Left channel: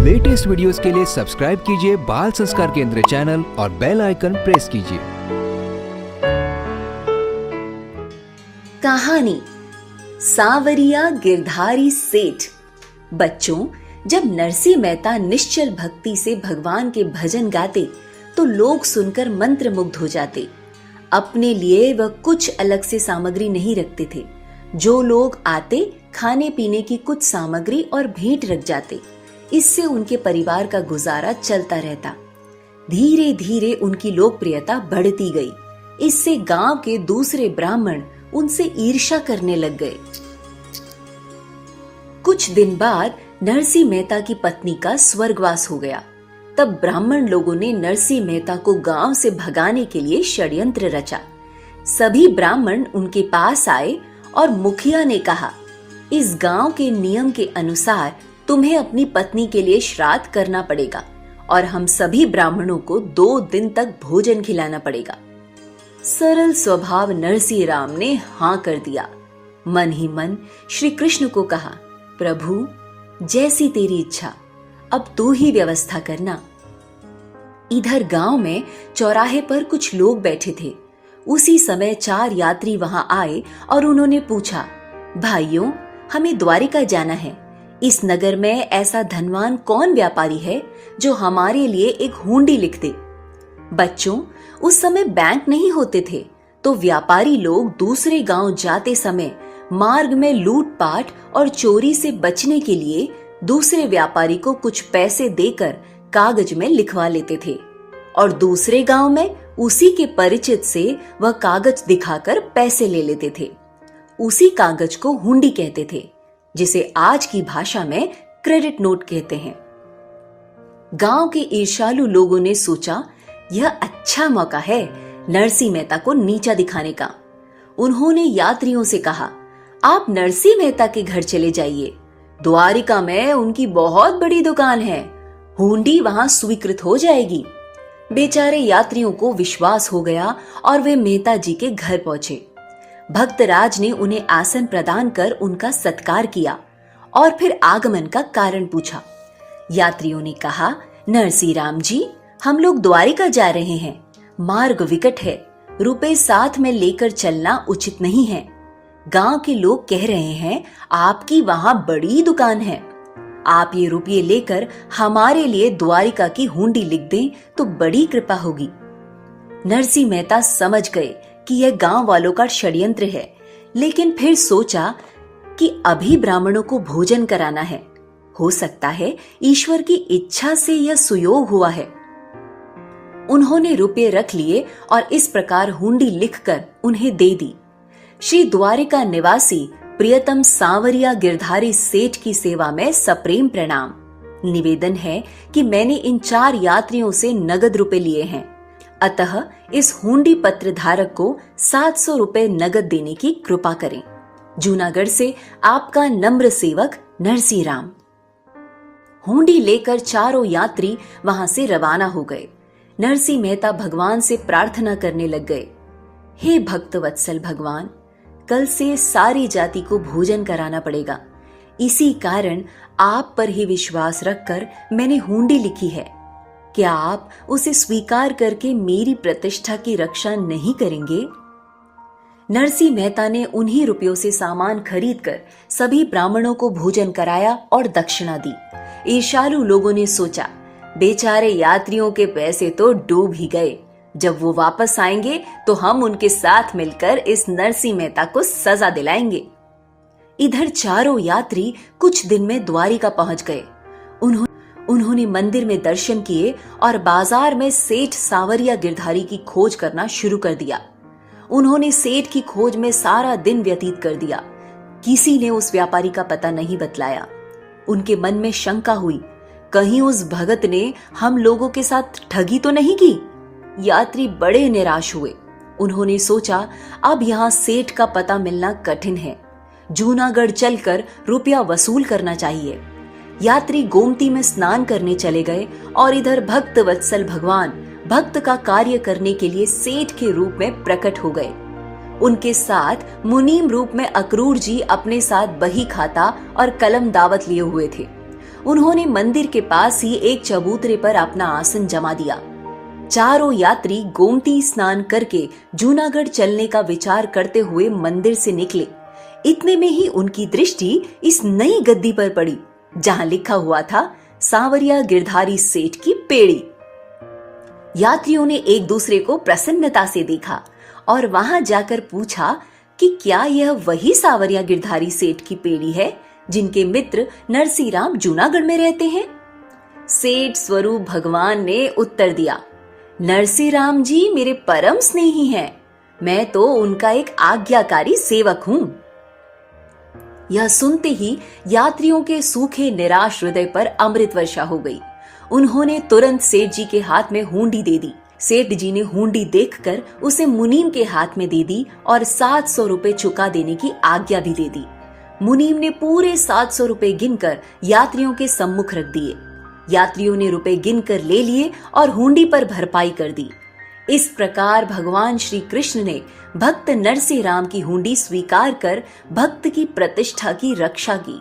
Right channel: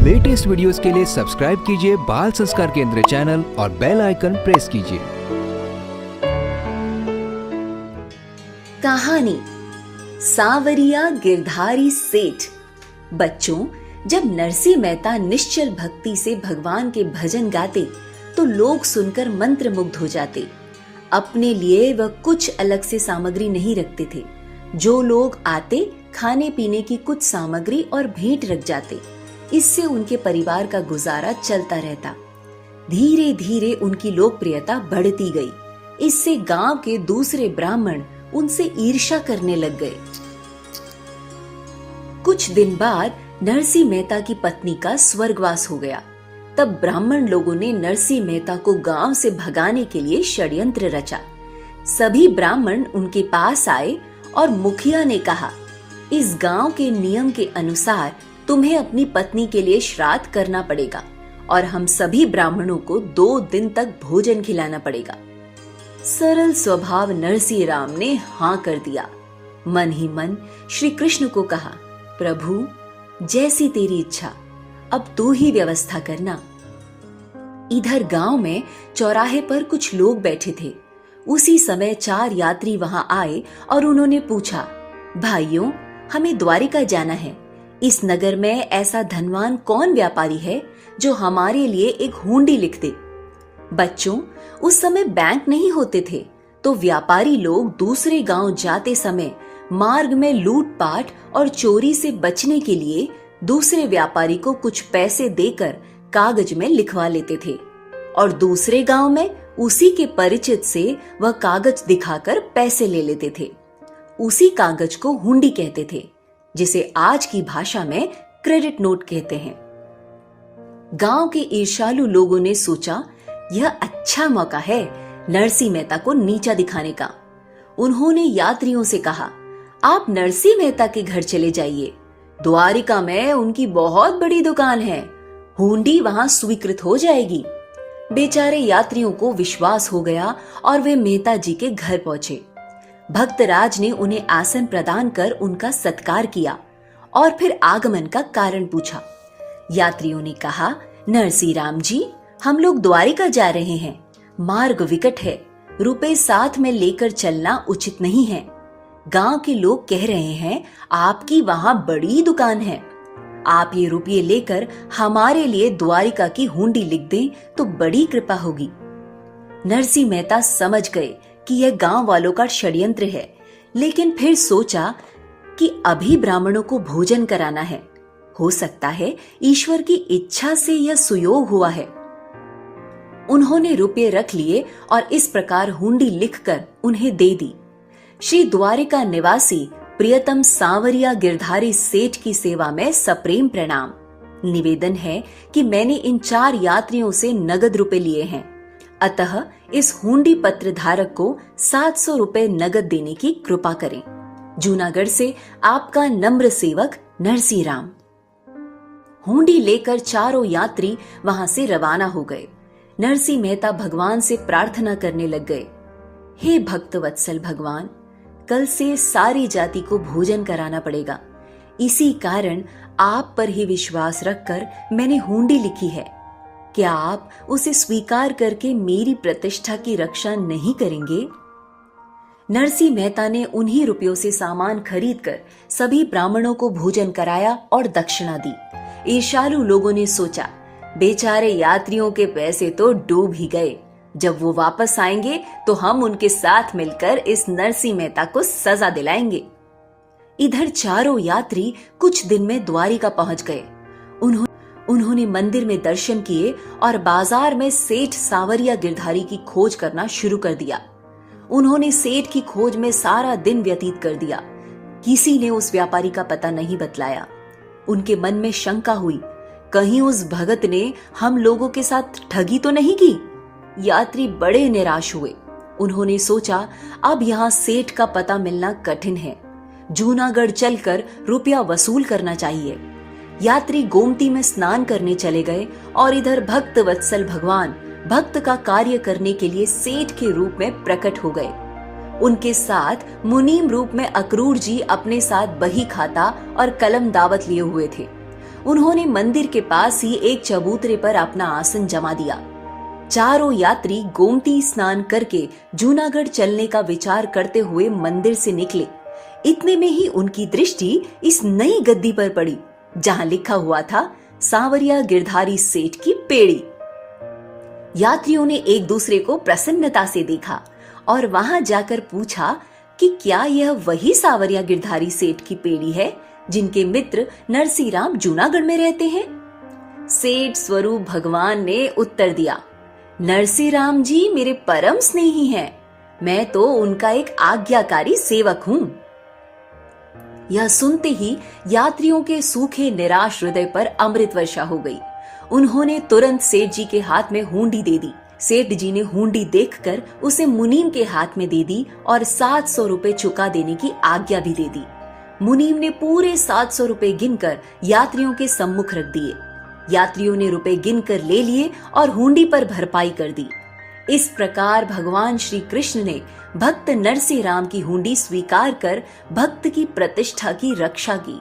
Latest videos के लिए subscribe कीजिए बाल संस्कार केंद्र चैनल और बेल आइकन प्रेस कीजिए। कहानी सांवरिया गिरधारी सेठ। बच्चों, जब नरसिंह मेहता निश्चल भक्ति से भगवान के भजन गाते तो लोग सुनकर मंत्रमुग्ध हो जाते। अपने लिए वह कुछ अलग से सामग्री नहीं रखते थे। जो लोग आते खाने पीने की कुछ सामग्री और भेंट रख जाते। इससे उनके परिवार का गुजारा चलता रहता। धीरे धीरे उनकी लोकप्रियता बढ़ती गई। इससे गांव के दूसरे ब्राह्मण उनसे ईर्ष्या करने लग गए। कुछ दिन बाद नरसिंह मेहता की पत्नी का स्वर्गवास हो गया। तब ब्राह्मण लोगों ने नरसिंह मेहता को गांव से भगाने के लिए षड्यंत्र रचा। सभी ब्राह्मण उनके पास आए और मुखिया ने कहा, इस गांव के नियम के अनुसार तुम्हें अपनी पत्नी के लिए श्राद्ध करना पड़ेगा और हम सभी ब्राह्मणों को 2 दिन तक भोजन खिलाना पड़ेगा। सरल स्वभाव नरसिंह राम ने हाँ कर दिया। मन ही मन श्री कृष्ण को कहा, प्रभु जैसी तेरी इच्छा, अब तू ही व्यवस्था करना। इधर गांव में चौराहे पर कुछ लोग बैठे थे। उसी समय 4 यात्री वहां आए और उन्होंने पूछा, भाइयों, हमें द्वारिका जाना है। इस नगर में ऐसा धनवान कौन व्यापारी है जो हमारे लिए एक हुंडी लिख दे। बच्चों, उस समय बैंक नहीं होते थे, तो व्यापारी लोग दूसरे गांव जाते समय मार्ग में लूटपाट और चोरी से बचने के लिए दूसरे व्यापारी को कुछ पैसे देकर कागज में लिखवा लेते थे और दूसरे गांव में उसी के परिचित से वह कागज दिखाकर पैसे ले लेते थे। उसी कागज को हुंडी कहते थे, जिसे आज की भाषा में क्रेडिट नोट कहते हैं। गांव के ईर्ष्यालु लोगों ने सोचा, यह अच्छा मौका है नरसिंह मेहता को नीचा दिखाने का। उन्होंने यात्रियों से कहा, आप नरसिंह मेहता के घर चले जाइए। द्वारिका में उनकी बहुत बड़ी दुकान है, हुंडी वहां स्वीकृत हो जाएगी। बेचारे यात्रियों को विश्वास हो गया और वे मेहता जी के घर पहुंचे। भक्तराज ने उन्हें आसन प्रदान कर उनका सत्कार किया और फिर आगमन का कारण पूछा। यात्रियों ने कहा, नरसिंह राम जी, हम लोग द्वारिका जा रहे हैं। मार्ग विकट है, रुपए साथ में लेकर चलना उचित नहीं है। गांव के लोग कह रहे हैं आपकी वहां बड़ी दुकान है। आप ये रुपये लेकर हमारे लिए द्वारिका की हुंडी लिख दें तो बड़ी कृपा होगी। नरसिंह मेहता समझ गए कि यह गांव वालों का षड्यंत्र है, लेकिन फिर सोचा कि अभी ब्राह्मणों को भोजन कराना है। हो सकता है ईश्वर की इच्छा से यह सुयोग हुआ है। उन्होंने रुपये रख लिए और इस प्रकार हुंडी लिखकर उन्हें दे दी। श्री द्वारिका निवासी प्रियतम सांवरिया गिरधारी सेठ की सेवा में सप्रेम प्रणाम। निवेदन है कि मैंने इन 4 यात्रियों से नगद रुपए लिए हैं, अतः इस हुंडी पत्र धारक को 700 रुपए नगद देने की कृपा करें। जूनागढ़ से आपका नम्र सेवक नरसिंह राम। हुंडी लेकर चारों यात्री वहां से रवाना हो गए। नरसिंह मेहता भगवान से प्रार्थना करने लग गए, हे भक्त वत्सल भगवान, कल से सारी जाति को भोजन कराना पड़ेगा। इसी कारण आप पर ही विश्वास रखकर मैंने हुंडी लिखी है। क्या आप उसे स्वीकार करके मेरी प्रतिष्ठा की रक्षा नहीं करेंगे? नरसिंह मेहता ने उन्हीं रुपयों से सामान खरीदकर सभी ब्राह्मणों को भोजन कराया और दक्षिणा दी। ईर्ष्यालु लोगों ने सोचा, बेचारे यात्रियों के पैसे तो डूब ही गए। जब वो वापस आएंगे तो हम उनके साथ मिलकर इस नरसिंह मेहता को सजा दिलाएंगे। इधर चारों यात्री कुछ दिन में द्वारिका पहुंच गए। उन्होंने मंदिर में दर्शन किए और बाजार में सेठ सांवरिया गिरधारी की खोज करना शुरू कर दिया। उन्होंने सेठ की खोज में सारा दिन व्यतीत कर दिया। किसी ने उस व्यापारी का पता नहीं बतलाया। उनके मन में शंका हुई, कहीं उस भगत ने हम लोगों के साथ ठगी तो नहीं की। यात्री बड़े निराश हुए। उन्होंने सोचा, अब यहाँ सेठ का पता मिलना कठिन है। जूनागढ़ चलकर रुपया वसूल करना चाहिए। यात्री गोमती में स्नान करने चले गए और इधर भक्त वत्सल भगवान भक्त का कार्य करने के लिए सेठ के रूप में प्रकट हो गए। उनके साथ मुनीम रूप में अक्रूर जी अपने साथ बही खाता और कलम दावत लिए हुए थे। उन्होंने मंदिर के पास ही एक चबूतरे पर अपना आसन जमा दिया। चारों यात्री गोमती स्नान करके जूनागढ़ चलने का विचार करते हुए मंदिर से निकले। इतने में ही उनकी दृष्टि इस नई गद्दी पर पड़ी जहां लिखा हुआ था सांवरिया गिरधारी सेठ की पेड़ी। यात्रियों ने एक दूसरे को प्रसन्नता से देखा और वहां जाकर पूछा कि क्या यह वही सांवरिया गिरधारी सेठ की पेड़ी है जिनके मित्र नरसीराम जूनागढ़ में रहते हैं। सेठ स्वरूप भगवान ने उत्तर दिया, नरसीराम जी मेरे परम स्नेही हैं, मैं तो उनका एक आज्ञाकारी सेवक हूं। यह सुनते ही यात्रियों के सूखे निराश हृदय पर अमृत वर्षा हो गई। उन्होंने तुरंत सेठ जी के हाथ में हुंडी दे दी। सेठ जी ने हुंडी देखकर उसे मुनीम के हाथ में दे दी और 700 रुपए चुका देने की आज्ञा भी दे दी। मुनीम ने पूरे 700 रुपए गिनकर यात्रियों के सम्मुख रख दिए। यात्रियों ने रुपए गिनकर ले लिए और हुंडी पर भरपाई कर दी। इस प्रकार भगवान श्री कृष्ण ने भक्त नरसिंह की हुंडी स्वीकार कर भक्त की प्रतिष्ठा की रक्षा की।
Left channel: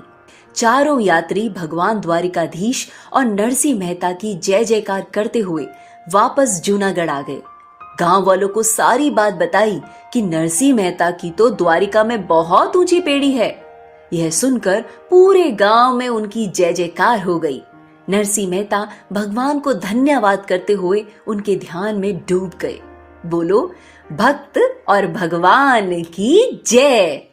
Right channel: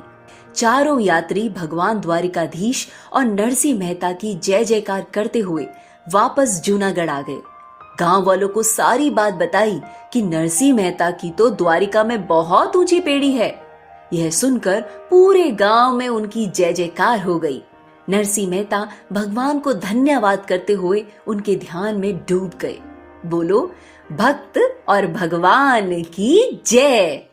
चारों यात्री भगवान द्वारिकाधीश और नरसिंह मेहता की जय जयकार करते हुए वापस जूनागढ़ आ गए। गांव वालों को सारी बात बताई कि नरसिंह मेहता की तो द्वारिका में बहुत ऊंची पेड़ी है। यह सुनकर पूरे गांव में उनकी जय जयकार हो गई। नरसिंह मेहता भगवान को धन्यवाद करते हुए उनके ध्यान में डूब गए। बोलो, भक्त और भगवान की जय।